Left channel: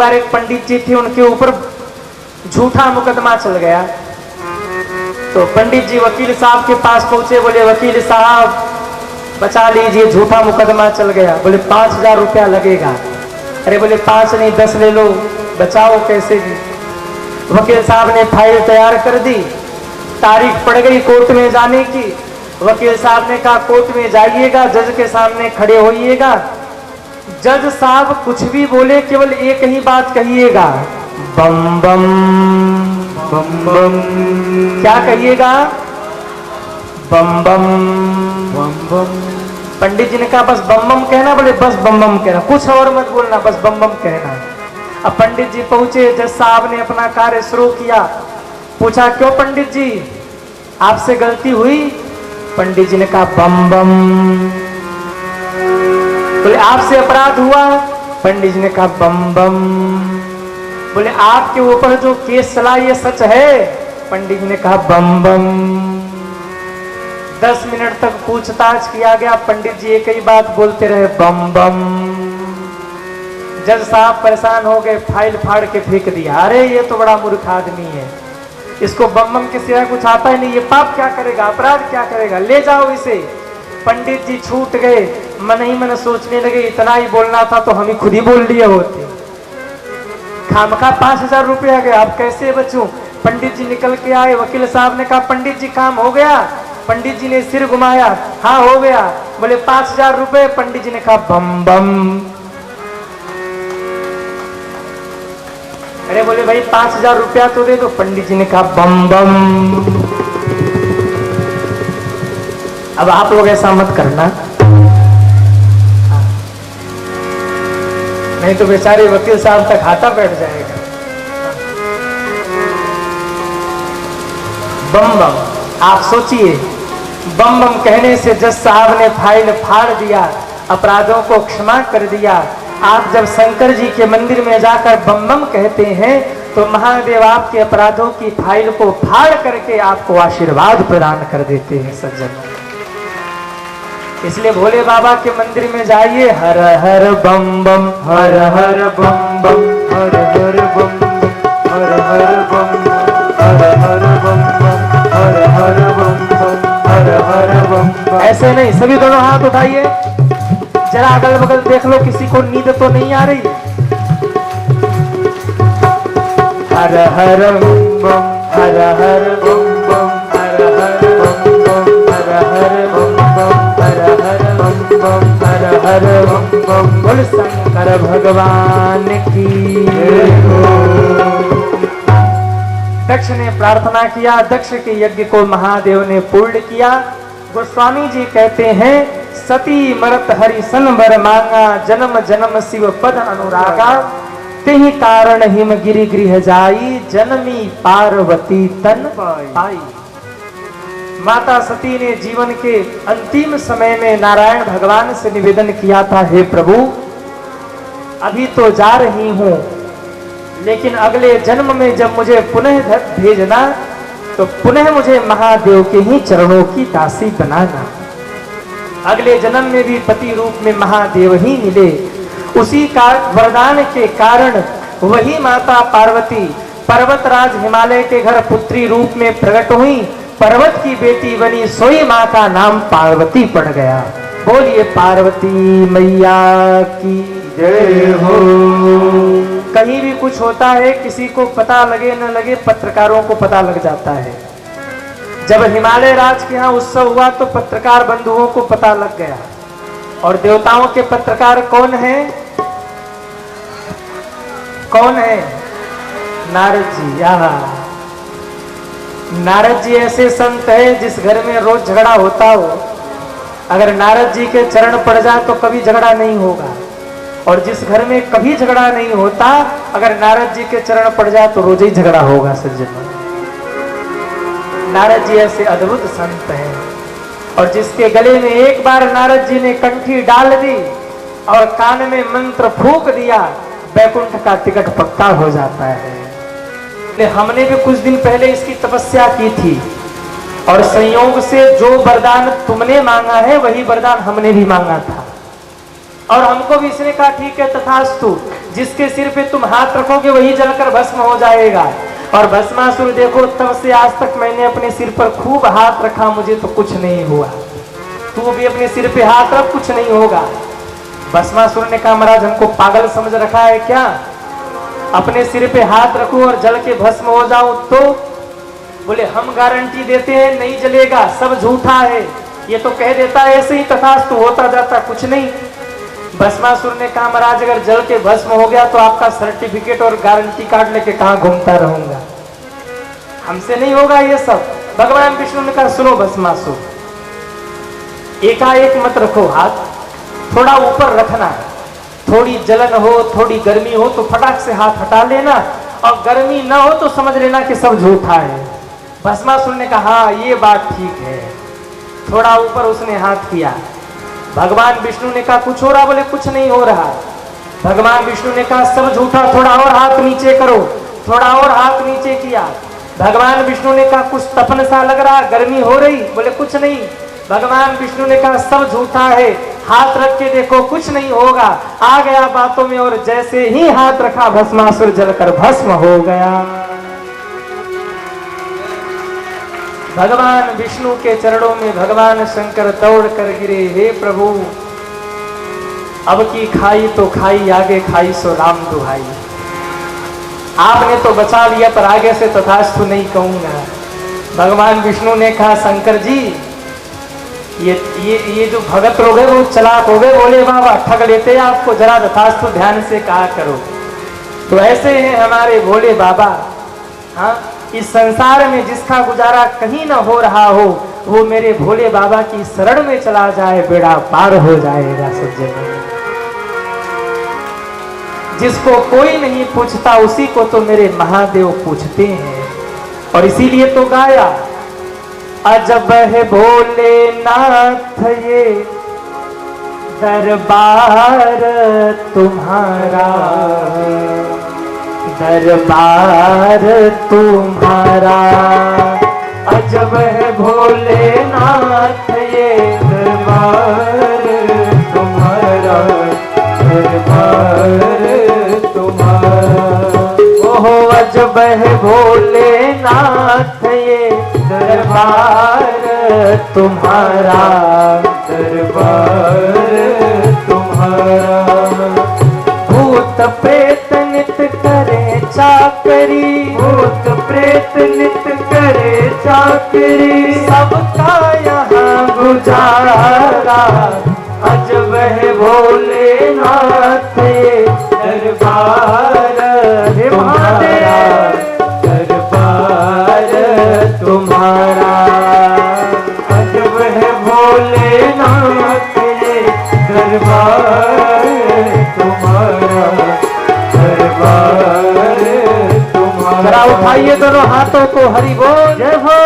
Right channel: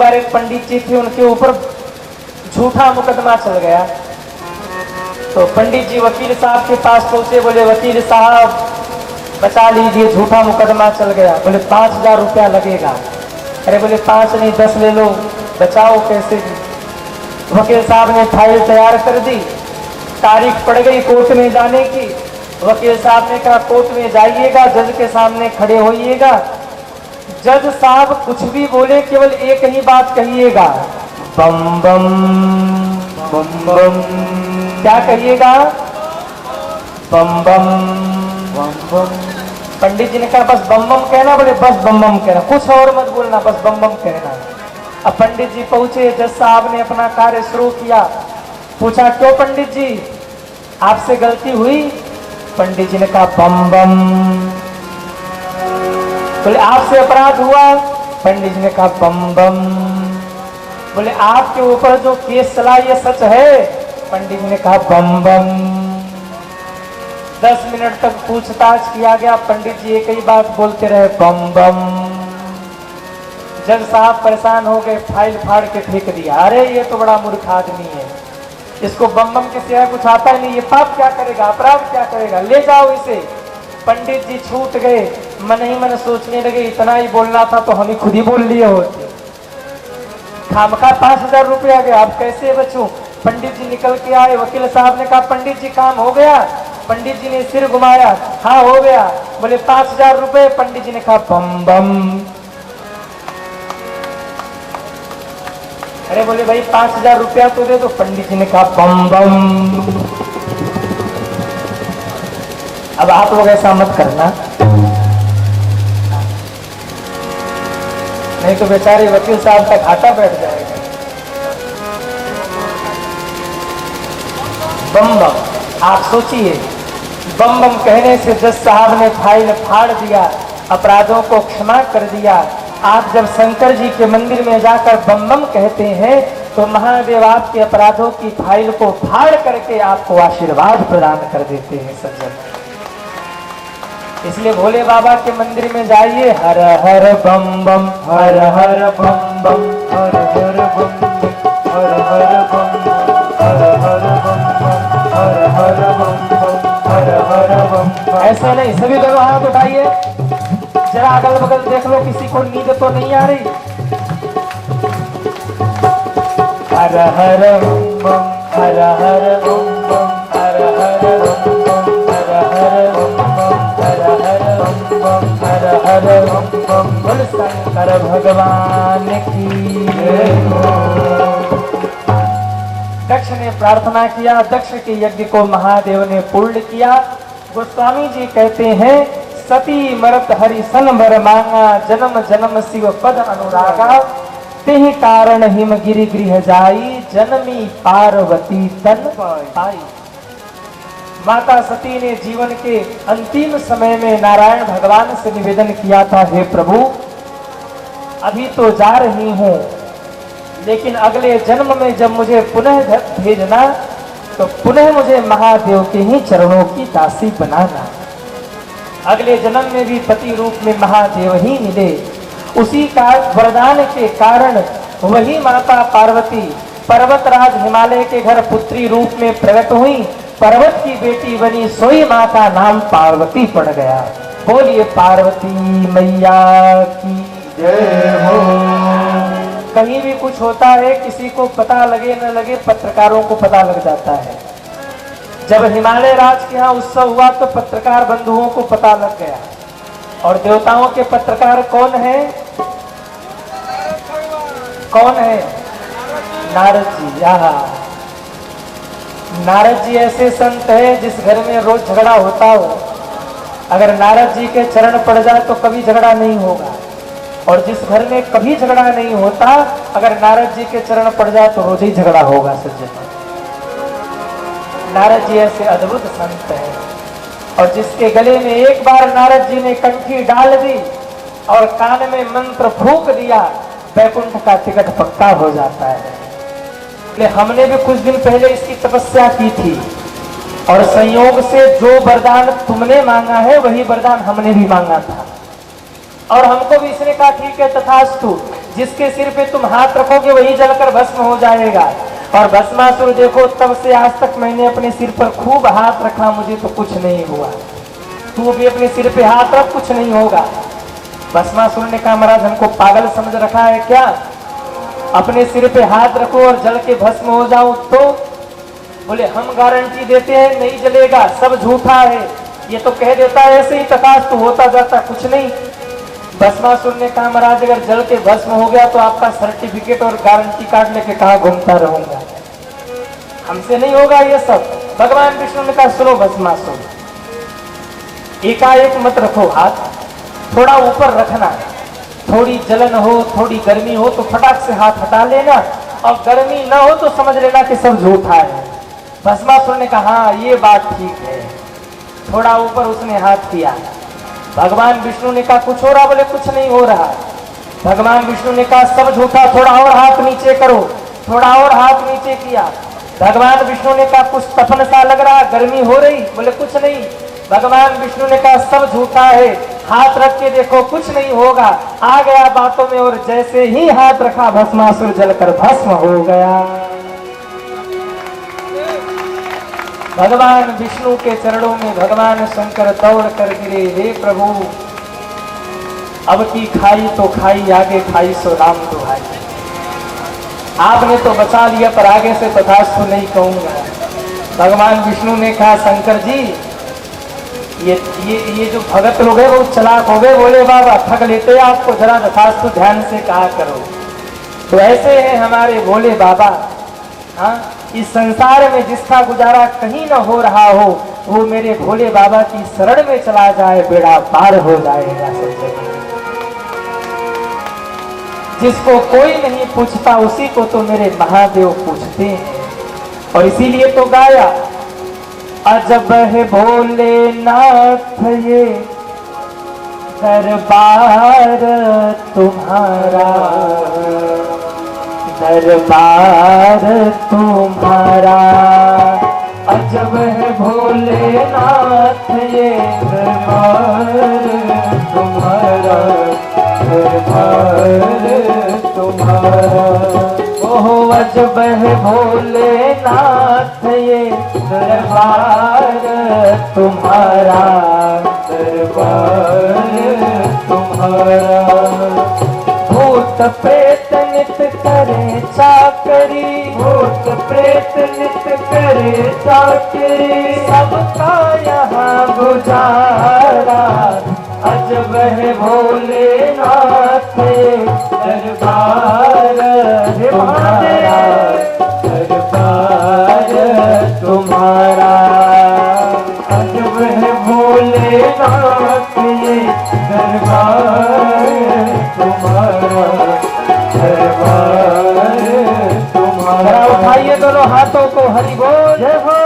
बार एक पंडित जी थे, उनके ऊपर झूठा मुकदमा चल गया। तो पंडित जी वकील साहब के पास पहुंचे, बोले वकील साहब बचा लीजिए, झूठा मुकदमा चल गया। बोले 5000 रुपया लगेगा। अरे बोले 5 नहीं 10 ले लो, बचाओ कैसे भी। वकील साहब ने फाइल तैयार कर दी, तारीख पड़ गई कोर्ट में जाने की। वकील साहब ने कहा कोर्ट में जाइएगा, जज के सामने खड़े होइएगा, जज साहब कुछ भी बोले केवल एक ही बात कहिएगा, बम बम बम बम। क्या कहिएगा? बम बम बम बम। पंडित जी ने कहा बस बम बम कहना। बोले बस बम बम कहना, कुछ और मत बोलना, बस बम बम कहना। अब पंडित जी पहुंचे, जज साहब ने अपना कार्य शुरू किया। पूछा क्यों पंडित जी, आपसे गलती हुई? पंडित जी ने कहा बम बम। बोले आपसे अपराध हुआ? पंडित जी ने कहा बम बम। बोले आपके ऊपर जो केस चला ये सच है? पंडित जी ने कहा बम बम। 10 मिनट तक पूछताछ किया गया, पंडित जी एक ही बात बोलते रहे, बम बम। जज साहब परेशान हो गए, फाइल फाड़ के फेंक दिया। अरे ये तो बड़ा मूर्ख आदमी है, इसको बम बम के सिवाय कुछ आता ही नहीं, ये पाप क्या करेगा, अपराध क्या करेगा, ले जाओ इसे। पंडित जी छूट गए, मन ही मन सोचने लगे इतना ही बोलना था तो हम ही खुद ही बोल लिए होते, खामखा 5000 रुपया गया, अब कैसे बचूं। पंडित जी निकल के आए, वकील साहब ने कहा पंडित जी काम हो गया? पंडित जी ने सिर घुमाया, हाँ हो गया। बोले 5000 रुपए? पंडित जी ने कहा बम बम। अरे बोले भाई 5000 रुपया तो दे दो। पंडित जी ने कहा बम बम। अब आप लोग ऐसा मत करना, नहीं तो बेचारे वकील साहब का घाटा बैठ जाएगा। बम बम, आप सोचिए, बम बम कहने से जज साहब ने फाइल फाड़ दिया, अपराधों को क्षमा कर दिया। आप जब शंकर जी के मंदिर में जाकर बम बम कहते हैं तो महादेव आपके अपराधों की फाइल को फाड़ करके आपको आशीर्वाद प्रदान कर देते हैं सज्जन। इसलिए भोले बाबा के मंदिर में जाइए, हर हर बम बम, हर हर बम बम, हर हर बम बम, हर हर बम बम, हर हर बम बम, हर हर बम बम, हर हर बम बम। ऐसे नहीं, सभी दोनों हाथ उठाइए, जरा अगल बगल देख लो किसी को नींद तो नहीं आ रही। हर हर बम बम, हर हर बम बम, हर हर बम बम, हर हर बम बम, हर हर बम बम, हर हर बम बम। बोल शंकर भगवान की जय हो। दक्ष ने प्रार्थना किया, दक्ष के यज्ञ को महादेव ने पूर्ण किया। गोस्वामी जी कहते हैं सती मरत हरि सन बर मांगा, जन्म जन्म शिव पद अनुरागा, तेहि कारण हिम गिरि गृह जाई, जनमी पार्वती तन पाई। माता सती ने जीवन के अंतिम समय में नारायण भगवान से निवेदन किया था, हे प्रभु अभी तो जा रही हूं, लेकिन अगले जन्म में जब मुझे पुनः भेजना तो पुनः मुझे महादेव के ही चरणों की दासी बनाना। अगले जन्म में भी पति रूप में महादेव ही मिले। उसी का वरदान के कारण वही माता पार्वती पर्वतराज हिमालय के घर पुत्री रूप में प्रकट हुई, पर्वत की बेटी बनी, सोई माँ का नाम पार्वती पड़ गया। बोलिए पार्वती मैया की जय हो। कहीं भी कुछ होता है, किसी को पता लगे न लगे, पत्रकारों को पता लग जाता है। जब हिमालय राज के यहाँ उत्सव हुआ तो पत्रकार बंधुओं को पता लग गया। और देवताओं के पत्रकार कौन है? कौन है? नारद जी। यहाँ नारद जी ऐसे संत हैं जिस घर में रोज झगड़ा होता हो, अगर नारद जी के चरण पड़ जाए तो कभी झगड़ा नहीं होगा। और जिस घर में कभी झगड़ा नहीं होता, अगर नारद जी के चरण पड़ जाए तो रोज ही झगड़ा होगा सज्जन। नारद जी ऐसे अद्भुत संत हैं, और जिसके गले में एक बार नारद जी ने कंठी डाल दी और कान में मंत्र फूंक दिया, वैकुंठ का टिकट पक्का हो जाता है। हमने भी कुछ दिन पहले इसकी तपस्या की थी, और संयोग से जो वरदान तुमने मांगा है वही वरदान हमने भी मांगा था, और हमको भी इसने कहा ठीक है तथास्तु। जिसके सिर पे तुम हाथ रखोगे वही जलकर भस्म हो जाएगा। और भस्मासुर देखो, तब से आज तक मैंने अपने सिर पर खूब हाथ रखा, मुझे तो कुछ नहीं हुआ। तू भी अपने सिर पे हाथ रख, कुछ नहीं होगा। भस्मासुर ने कहा, महाराज हमको पागल समझ रखा है क्या? अपने सिर पे हाथ रखूं और जल के भस्म हो जाऊं तो? बोले हम गारंटी देते हैं नहीं जलेगा, सब झूठा है। ये तो कह देता है ऐसे ही, तथास्तु होता जाता कुछ नहीं। भस्मासुर ने कहा, महाराज अगर जल के भस्म हो गया तो आपका सर्टिफिकेट और गारंटी कार्ड लेके कहां घूमता रहूंगा, हमसे नहीं होगा ये सब। भगवान विष्णु ने कहा, सुनो भस्मासुर, एकाएक मत रखो हाथ, थोड़ा ऊपर रखना है। थोड़ी जलन हो, थोड़ी गर्मी हो तो फटाक से हाथ हटा लेना, और गर्मी ना हो तो समझ लेना कि सब झूठा है। भस्मासुर ने कहा, हाँ ये बात ठीक है। थोड़ा ऊपर उसने हाथ किया। भगवान विष्णु ने कहा, कुछ हो रहा? बोले कुछ नहीं हो रहा। भगवान विष्णु ने कहा, सब झूठा, थोड़ा और हाथ नीचे करो। थोड़ा और हाथ नीचे किया। भगवान विष्णु ने कहा, कुछ तपन सा लग रहा, गर्मी हो रही? बोले कुछ नहीं। भगवान विष्णु ने कहा, सब झूठा है, हाथ रख के देखो, कुछ नहीं होगा। आ गया बातों में, और जैसे ही हाथ रखा भस्मासुर जलकर भस्म हो गया। भगवान विष्णु के चरणों में भगवान शंकर दौड़ कर गिरे, हे प्रभु अब की खाई तो खाई, आगे खाई सो राम दुहाई। आपने तो बचा लिया, पर आगे से तथास्तु नहीं कहूंगा। भगवान विष्णु ने कहा, शंकर जी ये जो भगत लोग हैं वो चलाक हो गए, बोले बाबा ठग लेते हैं आपको, जरा तथास्तु ध्यान से कहा करो। तो ऐसे हैं हमारे भोले बाबा। हाँ, इस संसार में जिसका गुजारा कहीं न हो रहा हो, वो मेरे भोले बाबा की शरण में चला जाए, बेड़ा पार हो जाएगा। सोचे, जिसको कोई नहीं पूछता उसी को तो मेरे महादेव पूछते हैं। और इसीलिए तो गाया, अजब है भोलेनाथ ये दरबार तुम्हारा, दरबार तुम्हारा। अजब है भोलेनाथ ये दरबार तुम्हारा, दरबार तुम्हारा। ओहो अजब है भोलेनाथ ये दरबार तुम्हारा, दरबार तुम्हारा। भूत प्रेत नित करे चाकरी, भूत प्रेत नित करे चाकरी, सबका यहाँ गुजारा। अजब है भोलेनाथ दरबार तुम्हारा, दरबार तुम्हारा। अजब है भोलेनाथ दरबार तुम्हारा, दरबार तुम्हारा। उठाइए दोनों हाथों को, हरि बोल, जय हो।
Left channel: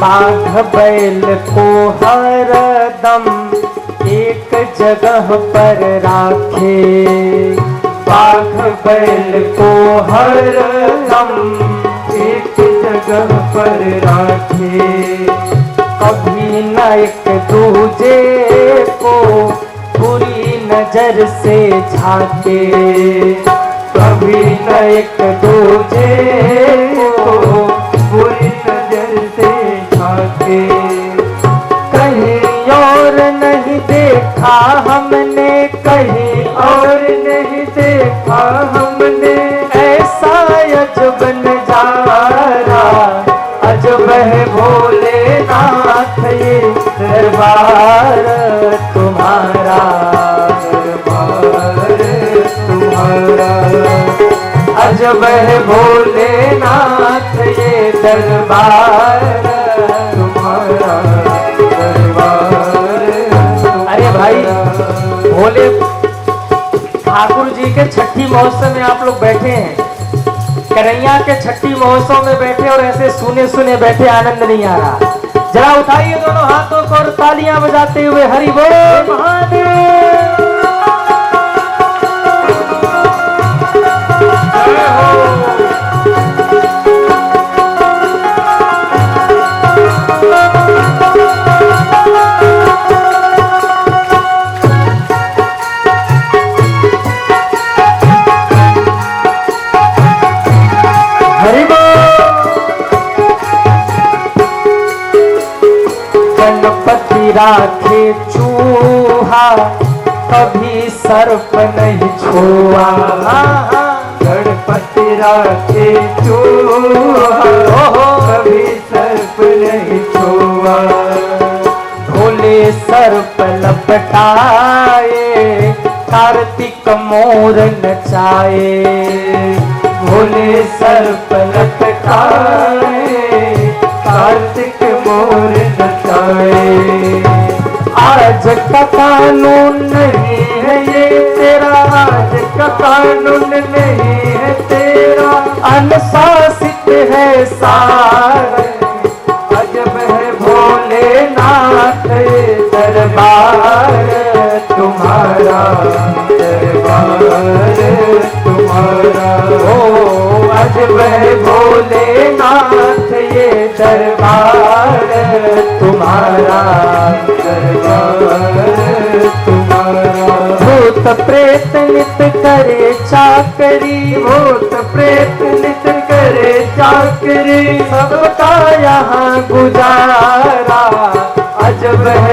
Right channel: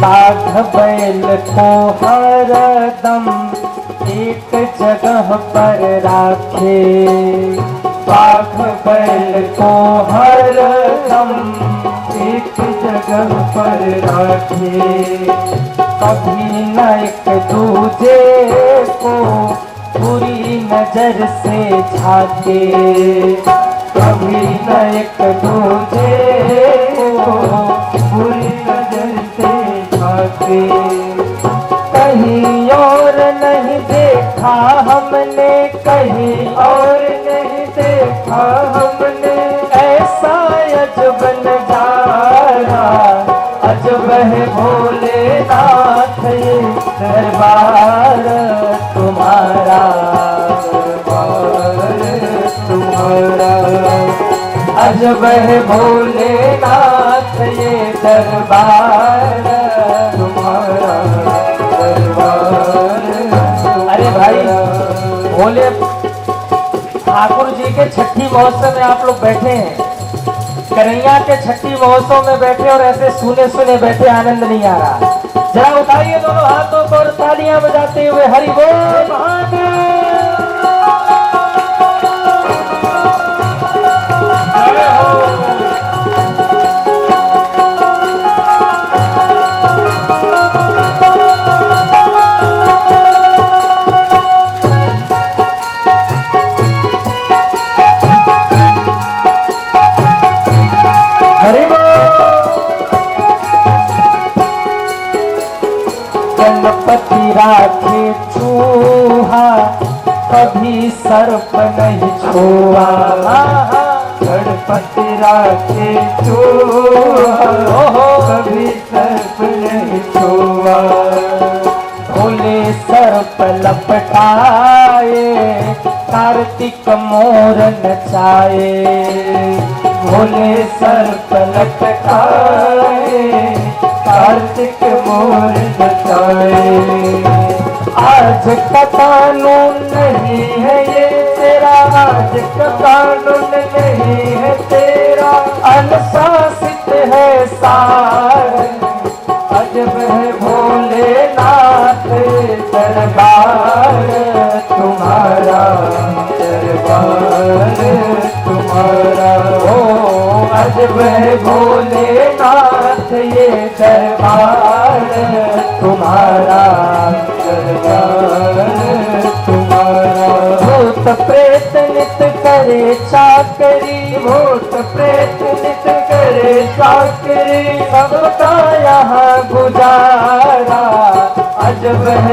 बाघ बैल को हर दम एक जगह पर राखे, बाघ बैल को हर दम एक जगह पर राखे। कभी न एक दूजे को बुरी नजर से झाके, कभी न एक दूजे को बुरी नजर से झाके। कहीं और नहीं देखा हमने, कहीं और नहीं देखा हमने, ऐसा अजब नजारा। अजब है भोलेनाथ ये दरबार तुम्हारा, दरबार तुम्हारा। अजब है भोलेनाथ ये दरबार तुम्हारा, दरबार। अरे भाई, भोले ठाकुर जी के छठी महोत्सव में आप लोग बैठे हैं, करैया के छठी महोत्सव में बैठे और ऐसे सुने सुने बैठे, आनंद नहीं आ रहा। जरा उठाइए दोनों हाथों को और तालियां बजाते हुए हरि बोल महादेव। राखे चूहा कभी सर्प नहीं छुआ, गणपति राखे चूहा कभी सर्प नहीं छुआ। भोले सर्प लपटाए कार्तिक मोर नचाए, भोले सर्प लपटाए कार्तिक मोर नचाए। आज का कानून नहीं है ये तेरा, आज का कानून नहीं है तेरा, अनुशासित है सारा। अजब है भोलेनाथ दरबार तुम्हारा, दरबार तुम्हारा। ओ अजब है भोलेनाथ ये दरबार तुम्हारा, भूत प्रेत नित करे चाकरी, भूत प्रेत नित करे चाकरी, सबका यहाँ गुजारा। अजब है